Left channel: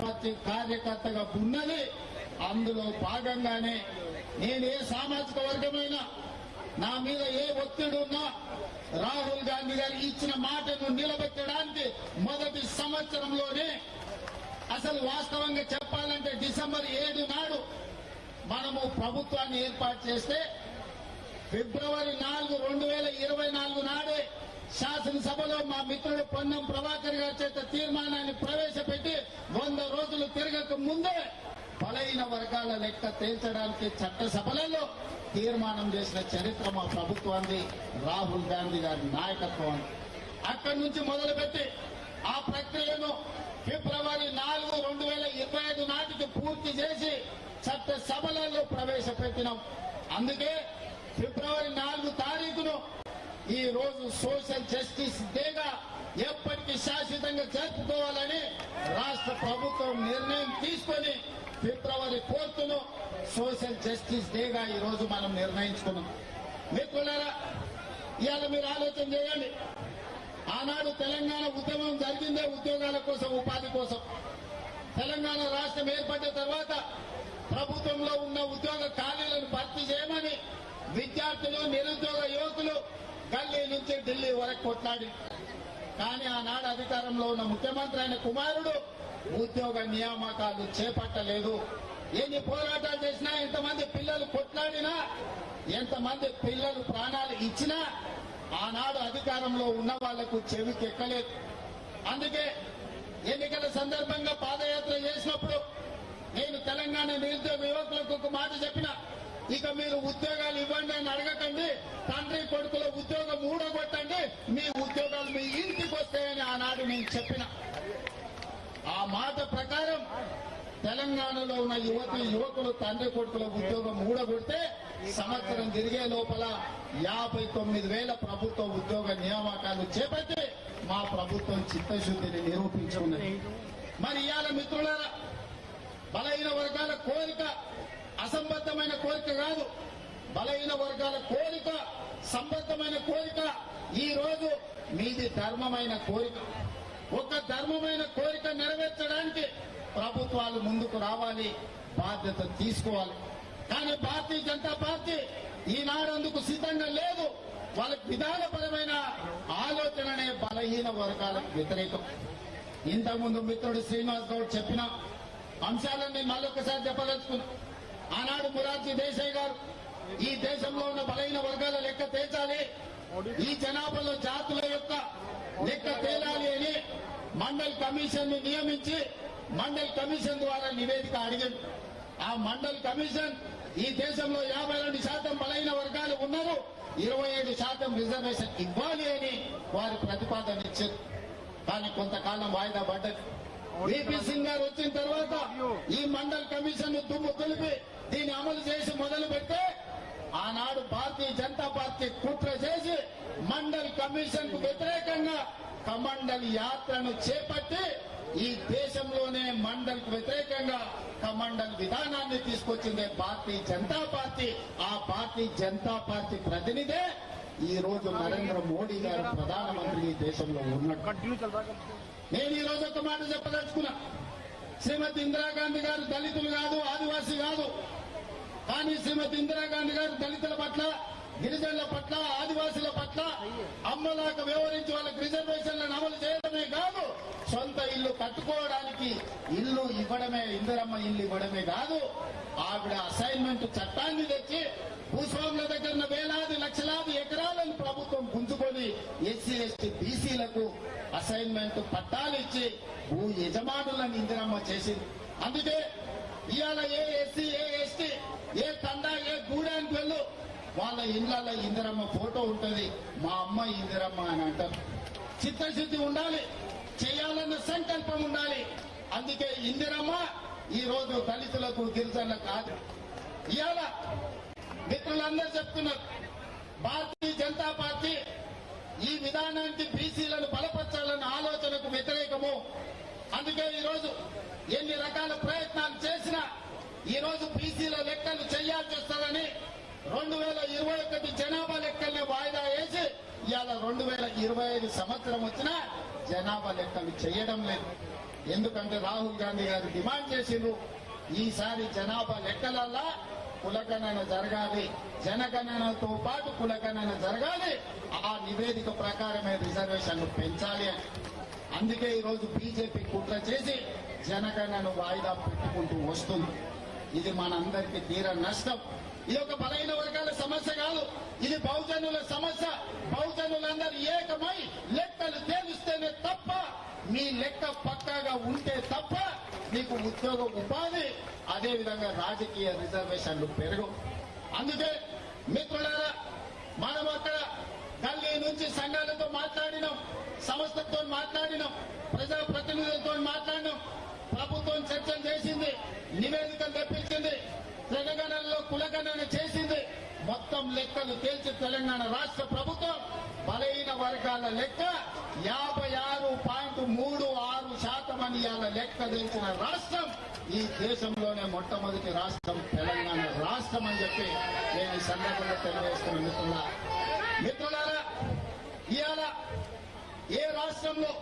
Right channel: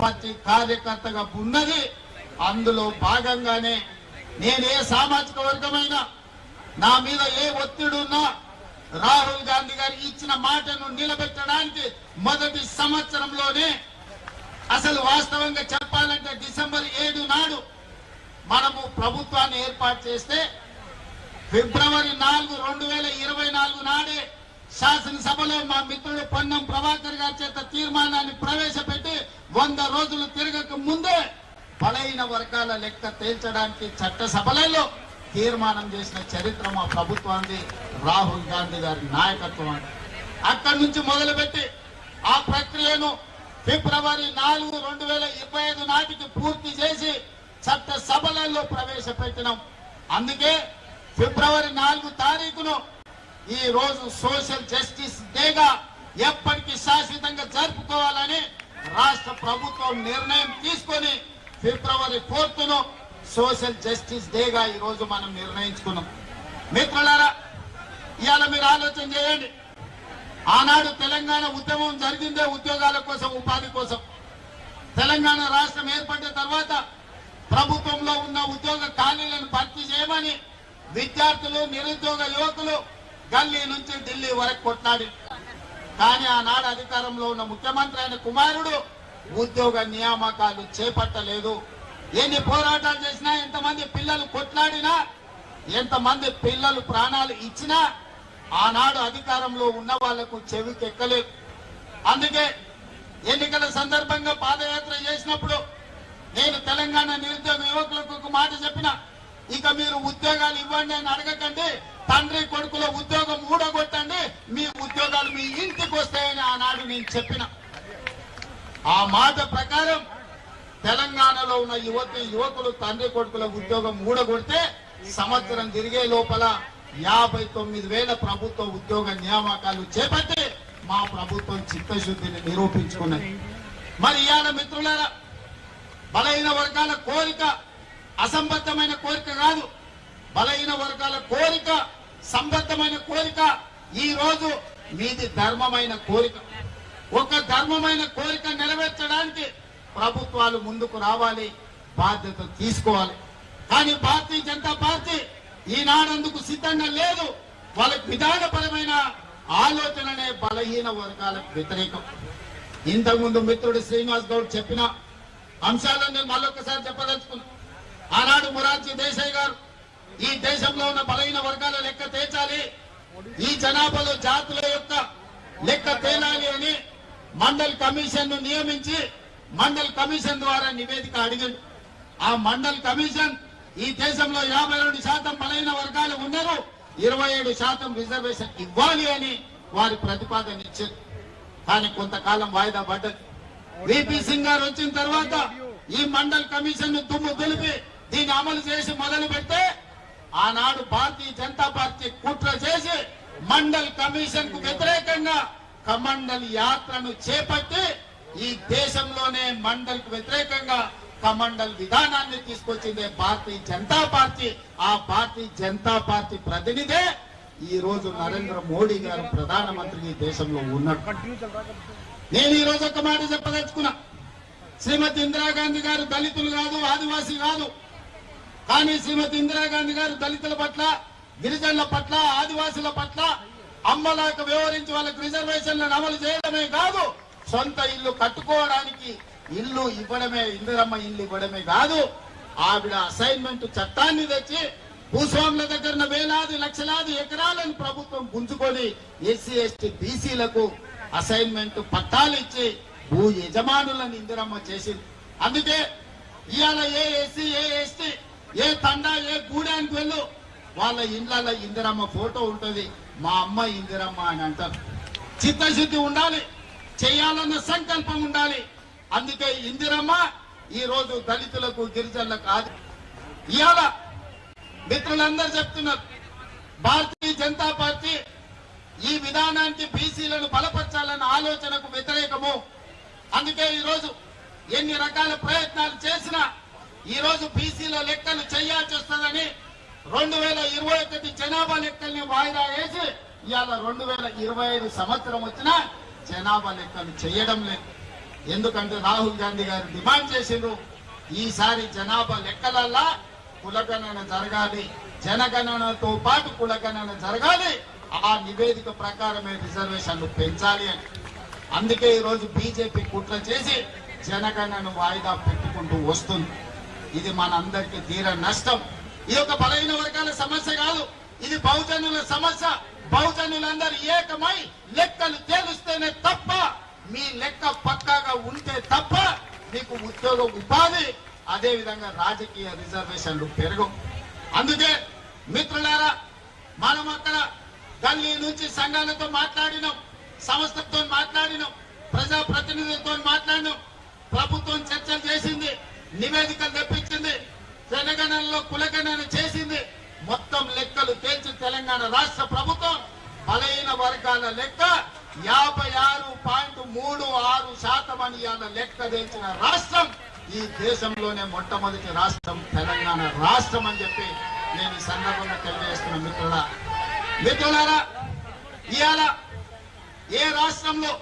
Party కార్యకర్తగా ఉన్నది. అందులో భాగంగానే నేను ఏ సామాజిక వర్గమైనా నా మీద ఏ ఒత్తిడి ఉన్నా రాహుల్ గాంధీ గారు ఇచ్చిన మాటను నిలబెట్టడానికి మొదటి సంవత్సరంలోనే, అసలు వాస్తవంగా చెప్పాలంటే డిసెంబర్ 7 నాడు మనము ప్రభుత్వాన్ని ఏర్పాటు చేస్తే ఫిబ్రవరి 4, 2024 నాడే శాసనసభలో మా మిత్రుడు పొన్నం ప్రభాకర్ గారి చేత తీర్మానాన్ని ప్రవేశపెట్టి 100 రోజులు తిరగక ముందే బలహీన వర్గాల లెక్క తేల్చడానికి చట్టసభలలో తీర్మానం చేసిన చరిత్ర మా ప్రభుత్వానికి రాహుల్ గాంధీ గారి నాయకత్వం. అక్కడి నుంచి మొదలుపెట్టి ఆ ప్రక్రియను ఫిబ్రవరి 4, 2025 నాటికి పూర్తి చేసి చట్టసభలలో ప్రవేశపెట్టినాం. అందుకే ఫిబ్రవరి 4 తారీఖును ఈ రోజు సోషల్ జస్టిస్ డేగా ఎప్పటికీ శాశ్వతంగా జరుపుకోవాలని రాష్ట్ర ప్రభుత్వం నిర్ణయం తీసుకొని ఫిబ్రవరి 4ను సోషల్ జస్టిస్ డేగా ఈ రోజు మనం నిర్ణయించుకున్నాం. మిత్రులారా, ఇవాళ మీరు ఆలోచన చేయండి. ఆనాడు తెలంగాణ ఉద్యమం జరిగిందే ఉద్యోగాల కోసం, ఉపాధి కోసం. తెలంగాణ రాష్ట్రం ఏర్పడిన తర్వాత ప్రభుత్వంలో ఉన్న ఉద్యోగ ఖాళీలను భర్తీ చేయమని విద్యార్థులు, నిరుద్యోగ యువకులు గల్లీ నుంచి ఢిల్లీ వరకు కొట్లాడి, కానీ ఆనాడు అధికారంలో ఉన్న ముఖ్యమంత్రి అయిన కుమారుడు ఉద్యోగ నియామకాలు చేపట్టలేదు. ఎన్ని పోరాటాలు చేసినా, ఎంతమంది పిల్లలు కొట్లాడినా, ఎంతమంది పిల్లలు ప్రాణాలు ఇచ్చినా ఆనాడు అధికారంలో ఉన్న వాళ్లకు చెవికెక్కలేదు. అందుకే ఎన్నికల సందర్భంగా పాదయాత్ర చేసినప్పుడు నేను తెలంగాణ నిరుద్యోగ యువకులకు ఒక మాట చెప్పిన, ఇక మీరు ఉద్యోగాలు ఇవ్వండి అని అడగకండి, తండ్రి కొడుకుల ఉద్యోగం ఊడగొట్టండి, మీ ఉద్యోగాలు మీ ఇంటికి వస్తాయని ఆనాడు నేను చెప్పిన. ఆ మాట ప్రకారం తెలంగాణలో ఉన్న యువకులు తండ్రి కొడుకుల ఉద్యోగం ఊడగొడితే సంవత్సరం తిరిగే లోపల 59,000 ప్రభుత్వ ఉద్యోగ నియామకాలు చేపట్టి మా ప్రభుత్వం చిత్తశుద్ధిని నిరూపించుకున్నది. మరి ఇవాళ మిత్రులారా, బలహీన వర్గాల కోరిక అసంబద్ధమైన కోరిక కాదు. బలహీన వర్గాల కోరిక సంబద్ధమైన కోరిక. ఈ రోజు మీది ధర్మమైన కోరిక. ఒక ధర్మమైన కోరిక నెరవేర్చడానికి ప్రభుత్వాలు ముందుకు రావాలి, బాధ్యత తీసుకోవాలి. కానీ భారతీయ జనతా పార్టీ ఈనాడందుకు సిద్ధంగా లేదు. వాళ్ళకి విధానపరమైన ఆలోచననే బలహీన వర్గాలకు వ్యతిరేకం. ఇంతకుముందు మిత్రుడు శ్రీనివాస్ గౌడ్ చెప్పిన అంశాలను నేను మళ్ళొకసారి చెప్పదలుచుకున్నా. ఆనాడు మొరార్జీ దేశాయ్ గారు ఈ దేశంలో ఉన్న బలహీన వర్గాల లెక్క తేల్చాలి, ఈ జనాభాలో జాతుల యొక్క లెక్క తేలాలి అని మండల్ కమిషన్ ను నియమించి మండల్ కమిషన్ ద్వారా నివేదిక అడిగింది. ఆ మండల్ కమిషన్ ఈ దేశంలో 52% బలహీన వర్గాలు ఉన్నారు, 27% రిజర్వేషన్ ఇవ్వాలి అని వారి ప్రతిపాదన ఇచ్చారు. కానీ కొంతకాలం వాయిదా పడ్డది. విపి సింగ్ గారు వచ్చిన తర్వాత ఈ మండల్ కమిషన్ ను దుమ్ము దులిపి దీన్ని అమలు చేసి మొదలు పెడితే ఆనాడు భారతీయ జనతా పార్టీ కుట్ర చేసి మండల్ కమిషన్ కు వ్యతిరేకంగా కమండల్ యాత్రను చేపట్టి ఈ దేశంలోనే మండల్ కు వ్యతిరేకంగా కమండల్ విధానాన్ని తీసుకొచ్చింది భారతీయ జనతా పార్టీ. ఆ భారతీయ జనతా పార్టీ ప్రతినిధే ఈ రోజు నరేంద్ర మోడీ గారు ప్రధానమంత్రి ఈ దేశంలో ఉన్నాడు. నేను ఈ రోజు ఒక మాట చెప్పదలుచుకున్నా. శ్రీమతి ఇందిరాగాంధీ గారు దళితులు కాదు, ఆదివాసీ కాదు. కానీ శ్రీమతి ఇందిరాగాంధీ గారు దళితుల పట్ల, గిరిజనుల పట్ల, ఆదివాసుల పట్ల అమ్మలాగా వ్యవహరించి వాళ్ళకి రిజర్వేషన్లను అమలు చేయడమే కాదు, సొంత ఇల్లు కట్టుకోవడానికి ఇల్లు ఇవ్వడమే, ఇందిరమ్మ ఇల్లు ఇవ్వడమే కాదు, ఆవిడ అసైన్మెంట్ చట్టాన్ని తెచ్చి భూస్వాముల దగ్గర వేలాది లక్షలాది ఎకరాలను ప్రభుత్వం గుంజుకొని ఎస్సీ ఎస్టీ బీసీలకు అసైన్మెంట్ పట్టాలు ఇచ్చి భూ యజమానులను ఇందిరమ్మ చేసింది. అందుకే ఇవాళ ఏ ఎస్సీ, ఏ ఎస్టీ, ఏ తండా, ఏ గూడానికి వెళ్ళు వాళ్ళ ఇండ్ల ఇందిరమ్మ ఫోటో ఉంటుంది. మా అమ్మ ఇందిరమ్మ అని అంటారు. చిత్తశుద్ధి ఉండాలి, చేయాలన్న సంకల్పం ఉండాలి. అందుకే ఇందిరమ్మ ఈ రోజు దళితులకు, గిరిజనులకు కాదు. ఇవాళ మిత్రులందరూ చెప్తున్నారు భారతీయ జనతా పార్టీ ఈ విధానానికి బీసీలను బలపరచాలన్న ఆలోచనకు వ్యతిరేకము. అందుకే ఈరోజు ఎన్ని రకాల ప్రయత్నాలు చేసినా ఈ రోజు బీసీల లెక్కలు చేయాల్సి వస్తుందని 2021 జనాభా లెక్కల్ని వాయిదా వేసి ఇవాళ 2025 సంవత్సరం వచ్చినా జనాభా లెక్కలు చేయడం లేదు. ఎందుకంటే రాహుల్ గాంధీ గారు డిమాండ్ చేసిండ్రు ఈసారి జనాభా లెక్కలల్లా కులగణన జరగాలి, జనగణనతో పాటు కులగణన జరగాలి, ఆ నివేదిక ప్రకారమే రిజర్వేషన్లు పెంచాలి అని. అందుకే ఈరోజు బీజేపీ కుట్ర చేసి జనగణనను వాయిదా పెట్టుకుంటూ వస్తుంది. ఇది మనందరికీ తీర నష్టం. ఇది ఒక బలహీన వర్గాల సమస్య కాదు, ఇది బహుజనుల సమస్య. బహుజనులందరూ ఏకమై లెక్కలు తేలుస్తేనే తప్ప, మీ లెక్క పక్కాగా ఉంటే తప్ప మీకు ఉద్యోగ ఉపాధి, అదే విధంగా రాజకీయ రిజర్వేషన్లు పెరగవు. అందుకే మిత్రులారా, మనం అక్కడ గల్లీ నుంచి సంఘాలతో మాట్లాడినాం, సంస్థలతో మాట్లాడినాం, ప్రజా ప్రతినిధులతో మాట్లాడినాం, ప్రభుత్వం చర్చలు చేసింది, నివేదికలు తెప్పించింది, జనగణనలో కులగణన చేసింది. మొత్తం లెక్కలు తేల్చి తెలంగాణ రాష్ట్ర ప్రభుత్వం బలహీన వర్గాల లెక్క 56.36% అని ఇవాళ లెక్క తెల్చిన రాష్ట్రం ఈ దేశంలోనే మొట్టమొదటి రాష్ట్రం తెలంగాణ రాష్ట్రం అని చెప్పి నేను ఈ సందర్భంగా తెలియజేస్తున్న మిత్రులారా, ఇవాళ ఏ రాష్ట్రంలో